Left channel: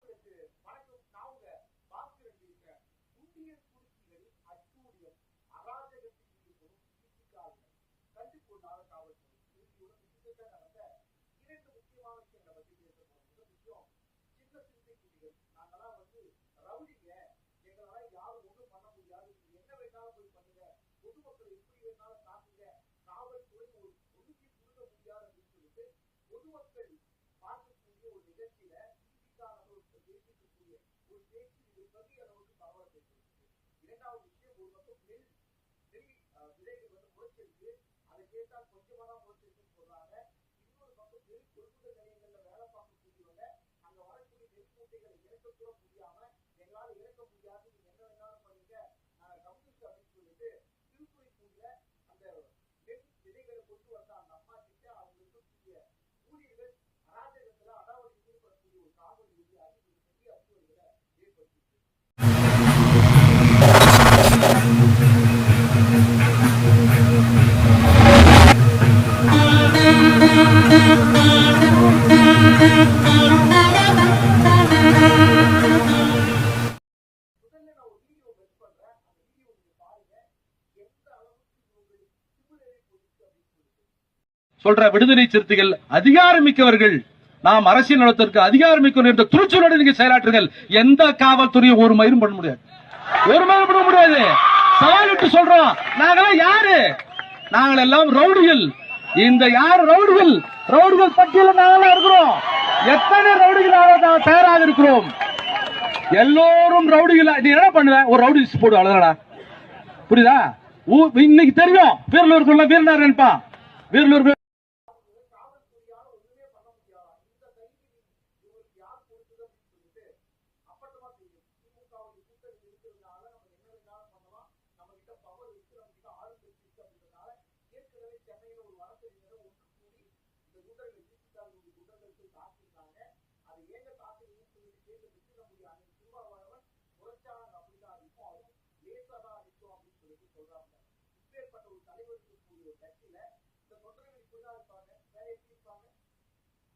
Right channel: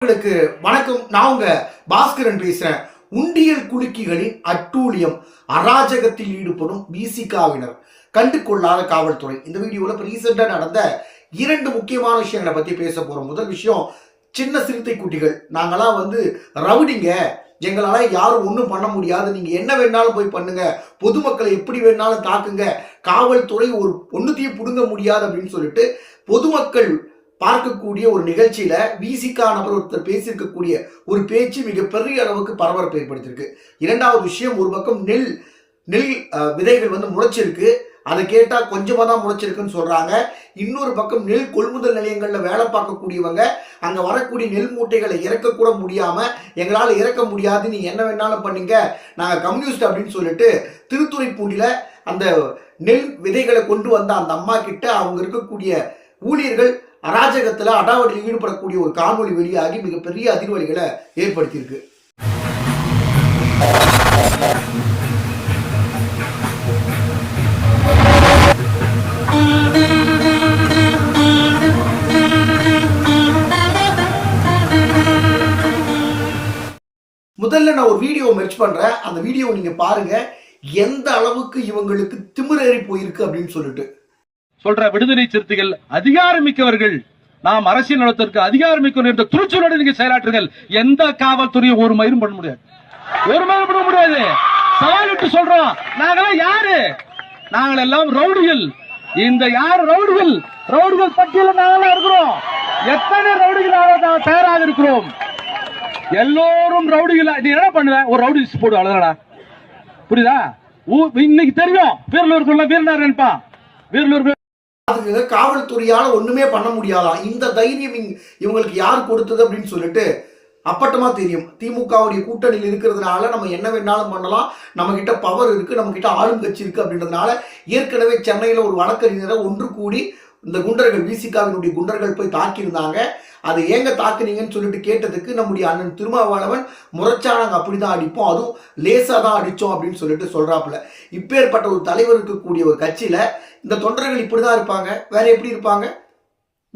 உங்களுக்கு வணக்கம். நான் உங்க பாஸ்கரன் பேசுறேன். உண்டியல் குலுக்கிகளின் அட்டூழியம். அராஜகத்தில் ஈடுபடும் பிசிகாவினர் கண்டு கொள்ளாத காவல்துறை. இந்த வீடியோல இப்ப ரீசெண்டா நடந்த இரண்டு முக்கியமான விஷயங்களை பத்தி பேச போறோம். முதல் விஷயம் சின்ன சிறுத்தை குட்டிகள். நாங்களாம் வந்து ரவுடிங்க. எங்களால யாரும் ஒன்றும் பண்ண முடியாது. நீங்க என்ன வேணாலும் போய் பண்ணுங்க. பொதுமக்களை எப்படி வேணாலும் தாக்குங்க. காவல்துறை ஒரு ஒன்றுத்தையும் புடுங்க முடியாது அப்படின்னு சொல்லிட்டு பொதுமக்கள் பார்க்கக்கூடிய ஒரு நிகழ்ச்சியில விசிகா நபர் ஒருத்தர் பேசியிருக்கக்கூடிய ஒரு பேச்சு மிகப்பெரிய அளவுக்கு பரபரப்பு ஏற்படுத்தியிருக்கு. இரண்டாவது விஷயம் ஒரு பக்கம் நெல் நெல் விதைகள் வந்து முளைச்சிருக்கு. அதை கேட்டால் கொஞ்சமாக தான் முளைச்சிருக்குன்னு சொல்கிறாங்க இன்னொரு பக்கம் நெல் கொள்முதல் நிலையங்களில் வேலை பார்க்கக்கூடியவங்க அங்கே வரக்கூடிய நெல் மூட்டைகளை இறக்கக்கூட முடியாமல் எங்களால் இறக்க முடியாது நீ என்ன வேணாலும் பண்ணீங்க நாங்கள் கம்யூனிஸ்ட் அப்படின்னு சொல்லிட்டு திருத்துறைப்பூண்டியில் அந்த நெல் விதைகளை கொண்டு வந்த அந்த அம்மா கிட்ட அவங்க இருக்கக்கூடிய ஊழியர்கள் அராஜகத்தில் அடாவடியில் ஈடுபடக்கூடிய ஒரு காணொலி வெளியாகி மிகப்பெரிய அதிர்வலிகளை ஏற்படுத்தியிருக்கு. முதல்ல நான் ஒரு வீடியோ மெர்ச் பண்றேன். அந்த வீடியோ நீங்க பாருங்க. எந்த அளவுக்கு இவங்களுக்கு திமிரேறி போயிருக்கு அப்படின்னு சொல்லிட்டு. சொல்ற விடுதலை சிறுத்தைகள் அதிகாரமிக்கவர்கள் நாம் அரசியல் நலத்திற்கு அதிகாரமிக்கவர் என்ற துணிச்சலோடு நீங்க செயலாற்றுங்கள். எந்த காவல்துறையும் ஒரு மயிரும் பண்ண முடியாது. ஒரு மயிரும் பண்ண முடியாது. சவாலிட்டு சொல்றோம். நாங்கெல்லாம் யாரு? நாங்கள் எல்லாம் ரவுடிகள். இந்த யார் ரவுடிகள்? ரவுடிகள் பட்டியல நாங்களாம் இருக்கிறோம். எத்தனை ரவுடிகளாக நாங்கள் தயாராக இருக்கிறோம்? எல்லோரும் ரவுடிகள். நீ என்ன பண்ணுவ? ஒரு ரவுடி லிஸ்ட் போடு அவ்வளவுதானடா. புரியுதா? இன்னைக்கு தெரியும். வீரலூருக்குள்ள வீரனார் நினைப்பான் வீரலூருக்கு அதுக்கு காவல்துறையால் ஒன்றுமே பண்ண முடியாதா? இந்த தைரியம் இவங்களுக்கு யார் கொடுத்தது அப்படின்னு சொல்லிட்டு அப்பட்டமா தெரியும். திமுகவுடைய கூட்டணியில் இருக்கிறதுனால நம்ம என்ன வேணாலும் பண்ணலாம். நம்ம கிட்ட பவர் இருக்கு நம்ம கிட்ட ஆளும் கட்சி இருக்கு அப்படின்றதுனால ஏற்கனவே சென்னையில் ஒரு வழக்கறிஞரை ஒன்று கூடி இந்த குண்டர்கள் விசிகாவினுடைய குண்டர்கள் போய் தாக்கியிருந்தாங்க. அதை ஏங்க தாக்குனீங்கன்னு சொல்லிட்டு கேட்டதுக்கு நம்முடைய அண்ணன் திருமாவளவன் முறைச்சா அப்படி தான் அடிப்போம். அதுவும் லேசாக தான் அடித்தோம் அப்படின்னு சொல்லிட்டு சொல்கிறாப்புல இப்பேற்பட்ட ஒரு தலைவர் இருக்கக்கூடிய ஒரு கட்சியில் இந்த தொண்டர்கள் இப்படி தான் இருப்பாங்க. வேற எப்படி இருப்பாங்க?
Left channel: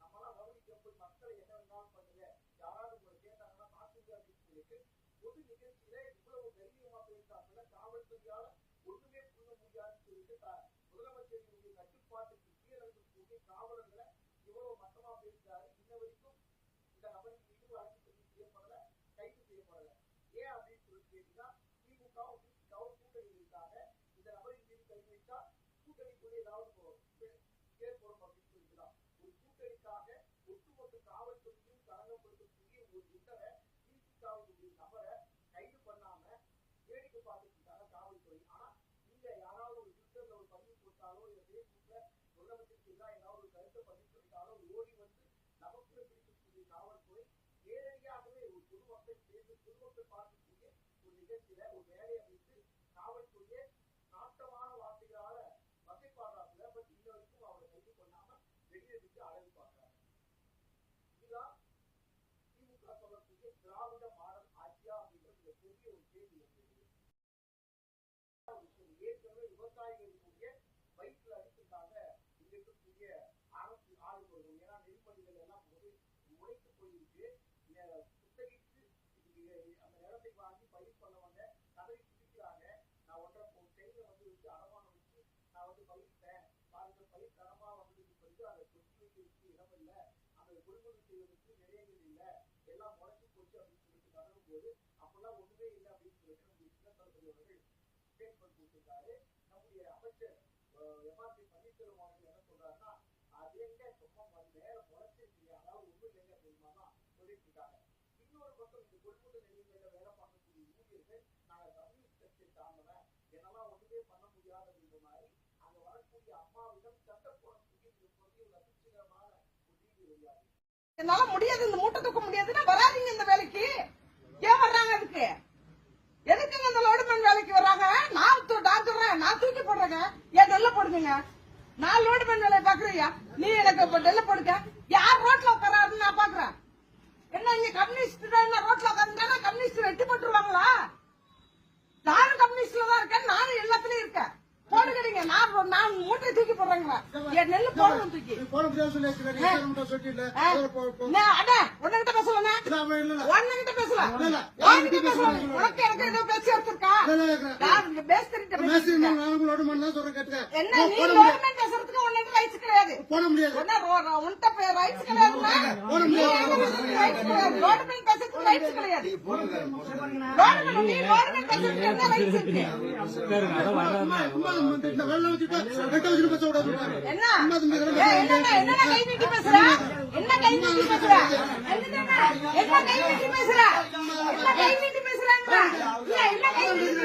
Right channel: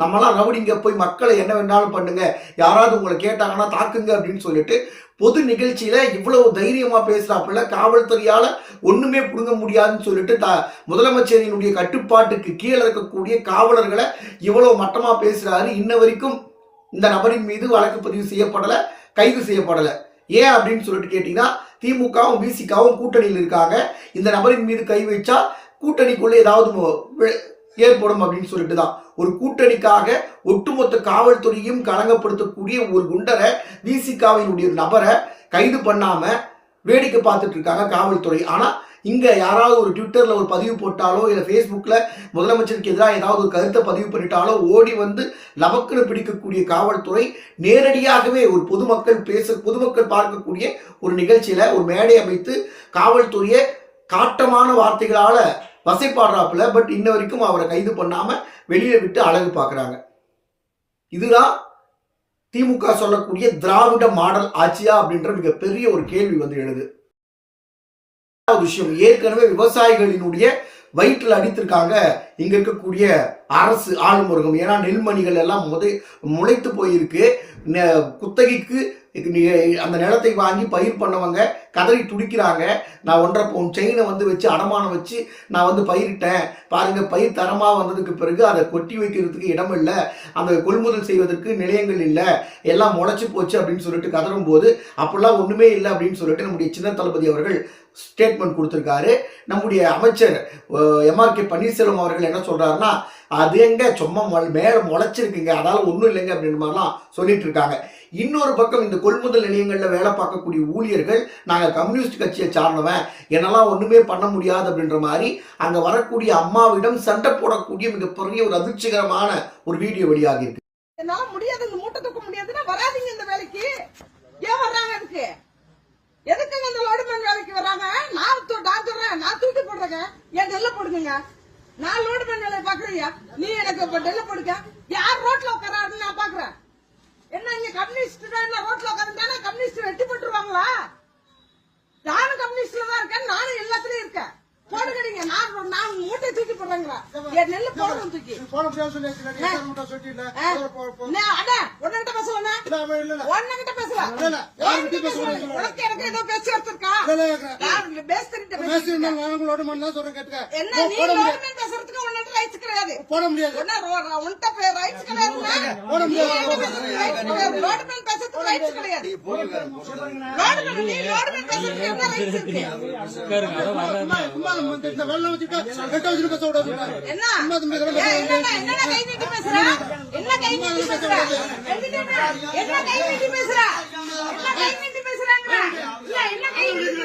நம்மளாம் ரவுடிங்க போய் மக்களை என்ன வேணாலும் பண்ணுங்க. யாராவது உங்களை கேட்டாங்கன்னா தாக்குங்க அப்படின்னு சொல்லிட்டு பொது நிகழ்ச்சியில இவ்வளவு தைரியமா பேசுறாப்புல காவல்துறையால ஒண்ணுமே புடுங்க முடியாதுன்னு சொல்லிட்டு த முதலமைச்சரினுடைய கட்டுப்பாட்டுக்கு கீழே இருக்கக்கூடிய காவலர்களை இவ்வளவு மட்டமா பேசுறாரு. இன்ன வரைக்கும் இந்த நபரின் மீது வழக்கு பதிவு செய்யப்படல கைது செய்யப்படல. ஏன் அப்படின்னு சொல்லிட்டு கேட்டீங்கன்னா திமுகவும் பிசிகாவும் கூட்டணியில் இருக்காங்க. இந்த நபரின் மீது கை வச்சா கூட்டணிக்குள்ள ஏதாவது ஏற்படும் அப்படின்னு சொல்லிட்டு தான் ஒரு கூட்டணிக்காக ஒட்டுமொத்த காவல்துறையும் களங்கப்படுத்தக்கூடிய ஒரு குண்டரை விசிகாவினுடைய நபரை கைது பண்ணாம வேடிக்கை பார்த்துட்டு இருக்காங்க காவல்துறை. ஆனா இங்க யாராவது ஒரு ட்விட்டர்ல ஒரு பதிவு போட்டாலோ இல்ல ஃபேஸ்புக்ல முதலமைச்சருக்கு எதிராக ஏதாவது ஒரு கருத்தை பதிவு பண்ணிட்டாலோ ஓடி வந்து லபக்குன்னு பிடிக்கக்கூடிய காவல்துறை நேரடியாகவே ஒரு பொதுமக்கள் பேச பொதுமக்கள் பார்க்கக்கூடிய ஒரு நிகழ்ச்சியில ஒரு மேடை அமைத்து காவல்துறையை காட்டமான வார்த்தைகளால வசைப்பாடுறாப்புல பட் இன்ன வரைக்கும் அவரை கைது பண்ணாமல் வெளியில் விட்டு அழகு பார்க்குறாங்க. இதுதான் திமுக சொல்லக்கூடிய திராவிட மாடல் ஆட்சியா அப்படின்ற மிகப்பெரிய ஒரு கேள்வி வந்து எழுது. விஷயம் ஏற்கனவே விவசாயிகளினுடைய வயிற்றில் அடித்திருக்காங்க இங்க இருக்கக்கூடிய அரசு ஆளுமுருகம். ஏன்னா நெல்மணிகள் எல்லாம் முதை முளைத்து போயிருக்கு. குத்தகைக்கு அந்த நிலத்தை வாங்கி பயிர் பண்ணவங்க கதறி துடிக்கிறாங்க. நான் ஒன்றரை பவுன் செயினை வந்து வச்சு அடமானம் வச்சு நான் வந்து பயிரிட்டேன். பாருங்கள் பயிர் தரமாக வந்ததுக்கு பிறகு அதை கொட்டி வைக்கிறதுக்கு இடம் இல்லை அந்த கொள்முதல் செய்வதற்கு நிலையங்கள் இல்லை. எல்லாம் முளைச்சி போச்சு அப்படின்னு சொல்லிட்டு கதறும் போது அப்படிலாம் ஒன்றுமே இல்லை அப்படின்னு சொல்லிட்டு நம்முடைய சின்ன தளபதி அவர்கள் ஸ்டேட்மெண்ட் கொடுத்துருக்காரு. நம்முடைய அமைச்சர் எம்ஆர்கே பன்னீர்செல்வம் அவர்கள் என்ன சொல்றாருன்னா அது எங்க? சும்மா மேலே முளைச்சிருக்குங்க. அதால ஒன்றும் இல்லைங்க. அப்படின்ற மாதிரிலாம் சொல்லிட்டு இருக்காங்க இன்னொரு பக்கம் இந்த கொள்முதல் நிலையங்களில் வேலை பார்க்கக்கூடிய ஊழியர்கள் நாங்கள் கம்யூனிஸ்ட் கட்சியை சார்ந்தவன். என்னெல்லாம் ஒன்றுமே பண்ண முடியாது. அப்படின்ற மாதிரி அங்கே வரக்கூடிய அம்மாவிடம் சண்டை போடக்கூடிய மிகப்பெரிய ஒரு அதிர்ச்சிகரமான ஒரு வீடியோ வெளியாகி இருக்கு என்னால முடியாது. இந்த மூட்டை தூக்க முடியாதுன்னா வராதிங்க இந்த வேலைக்கு. ஏன் வர்றாங்க அதுக்கு எதுக்குங்க இந்த லோடுமேன் வேலைக்கு வர்றாங்க நான் தூ- நான் சொல்றேன் நான் தூக்கி போடுறேங்க. ஏன் நெல்ல போடுவீங்க? நான் லோடு பண்ணி வேலையை பாக்குறீங்க நீ எனக்கு இப்ப நெல்ல போடுங்க யார் ரோட்ல உட்காராருன்னு நான் பாக்குறேன் என்ன இங்க கம்யூனிஸ்ட் ரோட்ல உட்காருந்தானா? கம்யூனிஸ்ட் வெட்டி போட்டுருவாங்களா? நானும் கம்யூனிஸ்ட்ல தான் இருக்கேன் நானும் எல்லாத்துலயும் இருக்கேன் நான் மூட்டை தூக்கி போடுறேங்கிறா. என் நெல்லு தூக்கி. போன முடியாது சொல்லி பேசலண்ணே உன்கிட்ட பேசலாம். உன்கிட்ட பேசலாம் உனக்கு எனக்கு ஏதோ பேச்சு எடுத்திருக்கா? நான் பேசுறேன் என்ன நீ லோடுமேன் பேசுறதுக்கு உன்கிட்ட ரைட்ஸ் கிடையாது. போட முடியாது. உன்ன ரோ- உன்கிட்ட ரைட்ஸ் கிடையாதுன்னா போட முடியாது. ரைட்ஸ் கிடையாது. லோடுமேன் பேசுறதுக்கு ரைட்ஸ் கிடையாது லோடுமேன் நீ லோடுமேன் பேசுறதுக்கு என்ன ரைட்ஸ் இருக்கு? சும்மா இந்த வெள்ளம் வச்சுட்டு வெட்ட வச்சுட்டு பேச விடாது. என்ன? ஏய், என்னடா என்னடா கை நீட்டி பேசுற? என்ன கை நீட்டி பேசுற என்ன கை நீட்டி பேசுற என்ன கை நீட்டி பேசுறன்ற இல்ல என்ன கை நீட்டி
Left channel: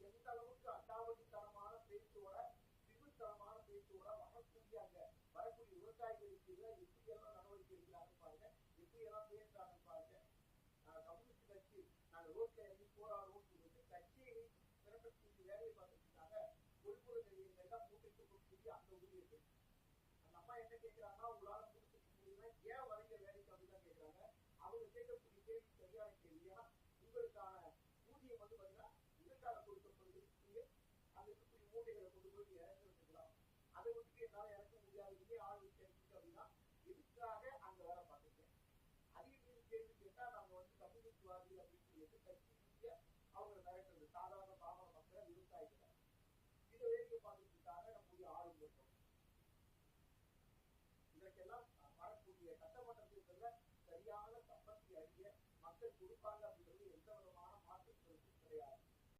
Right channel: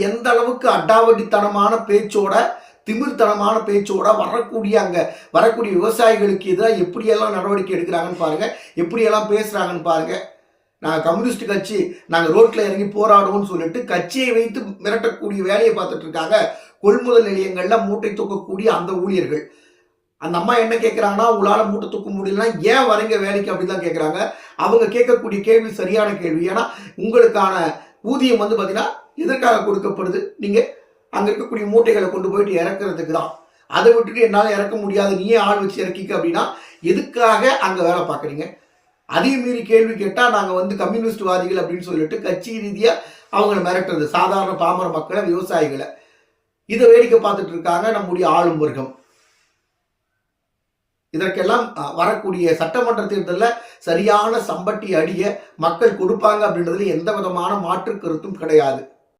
எந்த அளவுக்கு அடாவடித்தனமான பேச்சோட திமிர்த்தனமான பேச்சோட வரக்கூடிய அங்க வரக்கூடிய விவசாயிகளுக்கு எதிராக எப்படியெல்லாம் நடவடிக்கை எடுக்கிறாங்கன்னு பாருங்க எப்படியெல்லாம் பேசுறாங்கன்னு பாருங்க. நாங்கள் கம்யூனிஸ்ட் கட்சி நாங்கள் ரோட்டில் இறங்கி போராடுவோம்னு சொல்லிட்டு கட்சியை வைத்து மிரட்டக்கூடிய வேலையை பார்த்துட்டு இருக்காங்க கொள்முதல் நிலையங்களில் மூட்டை தூக்கக்கூடிய அந்த ஊழியர்கள். அந்த அம்மா என்ன கேட்குறாங்கன்னா உங்களால் மூட்டை தூக்க முடியலன்னா ஏன் வரீங்க வேலைக்கு? அப்படின்னு தான் கேட்குறாங்க அவங்க கேட்கக்கூடிய கேள்வி சரியான கேள்வி. ஏன்னா உங்களுக்கான ஊதியம் வந்து பார்த்தீங்கன்னா எதற்காக கொடுக்கப்படுது? நீங்கள் அங்கே இருக்கக்கூடிய மூட்டைகளை கொண்டு போயிட்டு இறக்குறதுக்கு தான். அதை விட்டுட்டு என்னால் இறக்க முடியாது. நீயே ஆள் வச்சு இறக்கிக்க அப்படின்னா எதுக்காக அங்கே வேலை பார்க்குறீங்க? அதையும் மீறி கேள்வி கேட்டால் நாங்கள் வந்து கம்யூனிஸ்ட்வாதிகள் அப்படின்னு சொல்லிட்டு கட்சி ரீதியாக அவங்கள மிரட்டுறது. சாதாரண பாமர மக்களை விவசாயிகளை. இதை வேடிக்கை பார்த்துட்டு இருக்காங்க நம்முடைய ஆளும் வர்க்கம் இதற்கெல்லாம் வரக்கூடிய சட்டமன்ற தேர்தலில் சரியான சம்பட்டி அடிய மக்கள் கொடுப்பாங்க அப்படின்றதுல எந்த விதமான மாற்று கருத்தும் கிடையாது.